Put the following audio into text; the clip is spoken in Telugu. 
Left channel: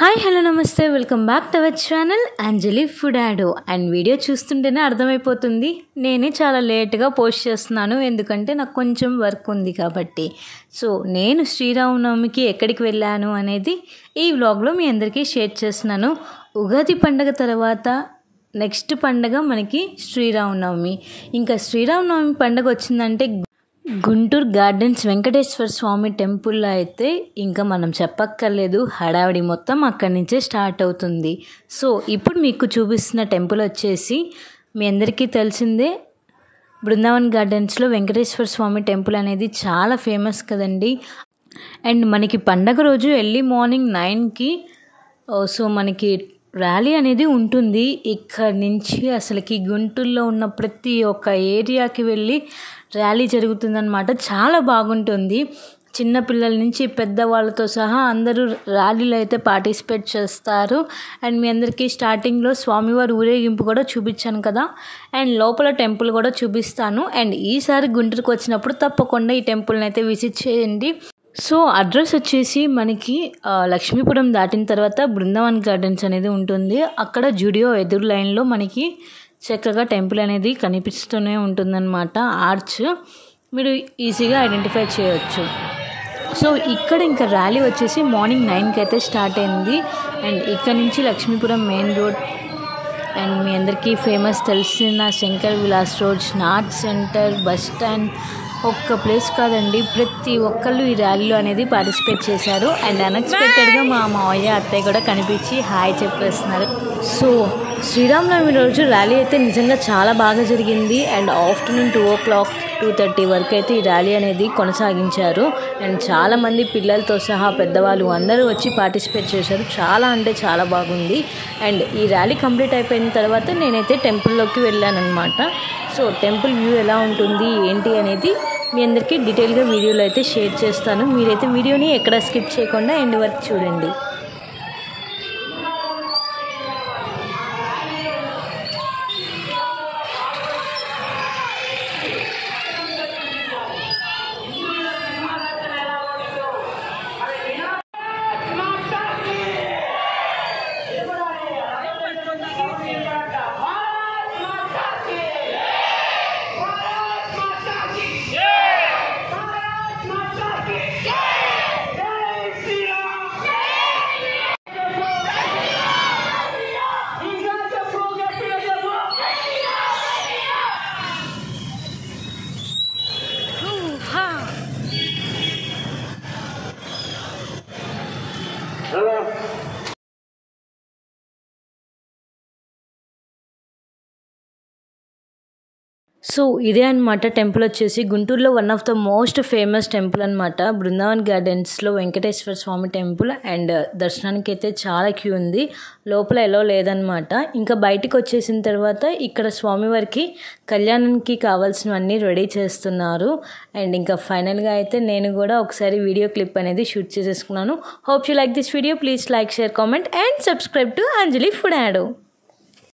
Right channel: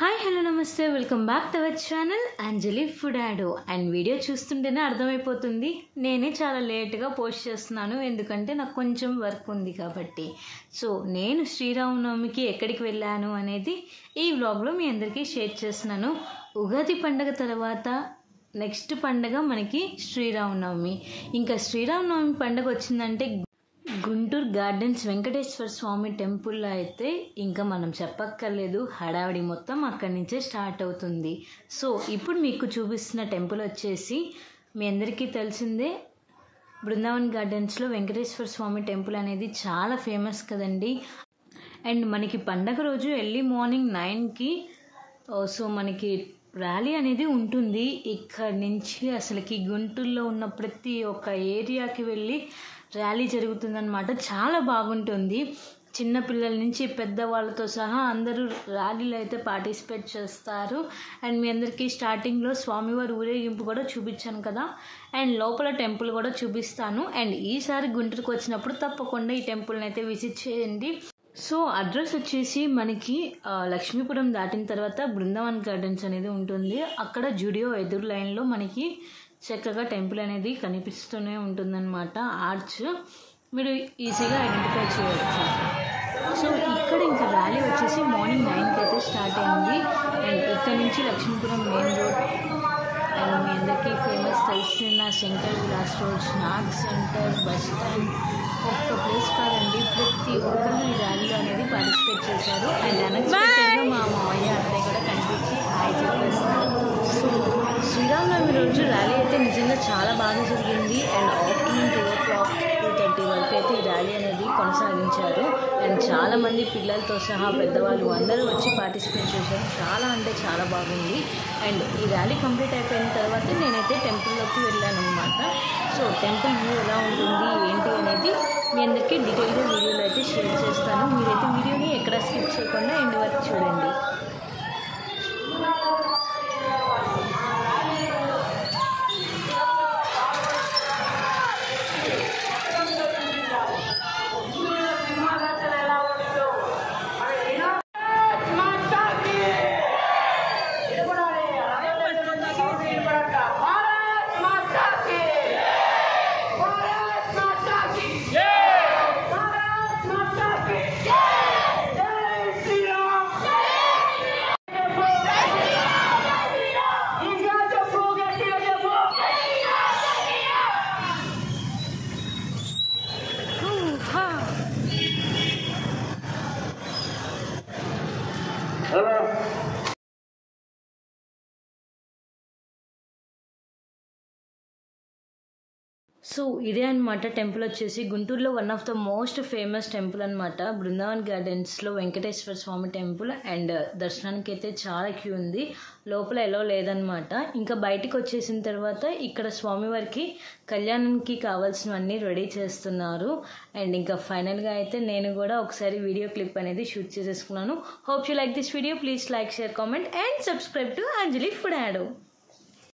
హాయ్ హలో నమస్తే welcome back to our channel Anjali food యాడో. అండ్ వీడియో చూస్తుంటేనే అర్థమైపోతుంది నేనే చాలా లేట్గా పోస్ట్ చేస్తున్నాను, ఎందుకంటే నాకు కొంచెం వర్క్ ఉంది కాబట్టి. సో నేను శ్రీరామనవమికి ఎక్కడికి వెళ్ళాను అనేది ఈ వ్లాగ్లో మీ అందరికీ షేర్ చేస్తున్నాను. ఉగాది పండగ తర్వాత నెక్స్ట్ పండగ మనకి శ్రీరామనవమి. ఇంకా శ్రీరామనవమి పండగ వచ్చిందంటే గుంటూరు గార్డెన్స్ వెంకటేశ్వర స్వామి టెంపుల్లో అయితే ఇంకా మనం చెప్పక్కర్లేదు, హడావిడి మొత్తం అక్కడి నుంచే స్టార్ట్ అవుతుంది. సో ఇప్పుడు మీకు చూపిస్తున్న టెంపుల్ వచ్చేసి మీ అందరికీ తెలిసిందే, బృందావన్ గార్డెన్స్లో వెంకటేశ్వర స్వామి టెంపుల్ అనేది చాలా ఫేమస్ కదండి. అండ్ మనకి పండగ రోజు ఎర్లీ మార్నింగ్ 9కి సో మనకి ర్యాలీ అనేది ఉంటుంది. ఇక్కడి నుంచి అసలుకి గుంటూరులో ఉన్న ప్రతి ఒక్క ఏరియాకి వెళ్ళి ర్యాలీ జరుగుతుందన్నమాట. చాలా బాగుంటుంది. చిన్నపిల్లల నుంచి పెద్దవాళ్ళతో సహా అందరూ ర్యాలీలో అయితే పార్టిసిపేట్ చేస్తారు. అండ్ మీ అందరికీ స్టార్టింగ్లో స్వామివారి ఊరేగింపు కూడా చూపించాను కదా, అండ్ లోపల టెంపుల్ కూడా చూపిస్తాను. అండ్ ఈసారి గుంటూరుకు వచ్చినప్పుడు తప్పకుండా ఈ టెంపుల్ని అయితే విజిట్ చేయండి. సో అడ్రస్ వచ్చేసి మనకి లక్ష్మీపురం దాటిన తర్వాత బృందావన్ గార్డెన్స్ అనేది ఉంటుంది. అక్కడ జూడియో ఎదురు లైన్లో మనకి చక్కగా టెంపుల్ అనేది కనిపిస్తూనే ఉంటుందన్నమాట. ఆర్చ్ మీరు ఈజీగా ఐడెంటిఫై చేయవచ్చు. సో ఇక్కడ ఇంకా ర్యాలీ వచ్చేసి మార్నింగ్ 9కి అయితే స్టార్ట్ అయింది. అండ్ ఇక్కడ నుంచి లక్ష్మీపురం మెయిన్ రోడ్ అండ్ మీ అందరికీ ఫేమస్ తెలిసిన Shankar Vilas road, snot centre, bus stand, ఒక్క ప్లేస్ కాదండి, ప్రతి ఒక్కళ్ళు ఈ ర్యాలీలో అనేది పార్టిసిపేట్ చేశారు. అండ్ అన్ఎక్స్పెక్టెడ్గా మా మావయ్య అత్తయ్య కూడా కనిపించి హాయ్ చెప్పేస్తున్నారు. సో శ్రీరామనవమి రోజు ర్యాలీ అయితే నిజంగా చాలా బాగా జరిగింది. అండ్ ఆఫ్టర్నూన్ 2 o'clock 2:30 వరకు అయితే ఈ ర్యాలీ అనేది కొనసాగించారు. అండ్ చాలామంది పిల్లలతో సహా పెద్దవాళ్ళు అందరూ వచ్చి పార్టిసిపేట్ చేశారు. చాలా అంటే చాలా బాగుంది. అండ్ ఈ ర్యాలీ కంప్లీట్ అయిపోయిన తర్వాత నేనైతే టెంపుల్లోకి వెళ్ళాను అనమాట. సో టెంపుల్ వ్యూ ఎలా ఉంటుంది ఏంటి అనేది మీ అందరికీ డీటెయిల్గా వీడియోలో అయితే షేర్ చేస్తాను. మీరైతే వీడియోని ఎక్కడ స్కిప్ చేయకుండా ఎండ్ వరకు చూడండి. సో ఇదే అనమాట టెంపుల్ వచ్చేసి గుంటూరులో one of the most famous temple అనమాట, బృందావన్ గార్డెన్స్లో వెంకటేశ్వర స్వామి టెంపుల్. అండ్ దర్శనానికి అయితే చాలా క్యూ ఉంది, లోపల ఎలా లేదనమాట. ఇంకా బయటికి వచ్చేసిన తర్వాత ఇక్కడ స్వామివారికి కళ్యాణానికి కావాల్సినవన్నీ రెడీ చేస్తున్నారు. అండ్ ఇంకా ఫైనల్గా అయితే నేను కూడా ఒకసారి వీడియో క్లిప్ అనేది షూట్ చేసేసుకున్నాను. Hope you like this video. Please like, share, comment and subscribe to Anjali food యాడో.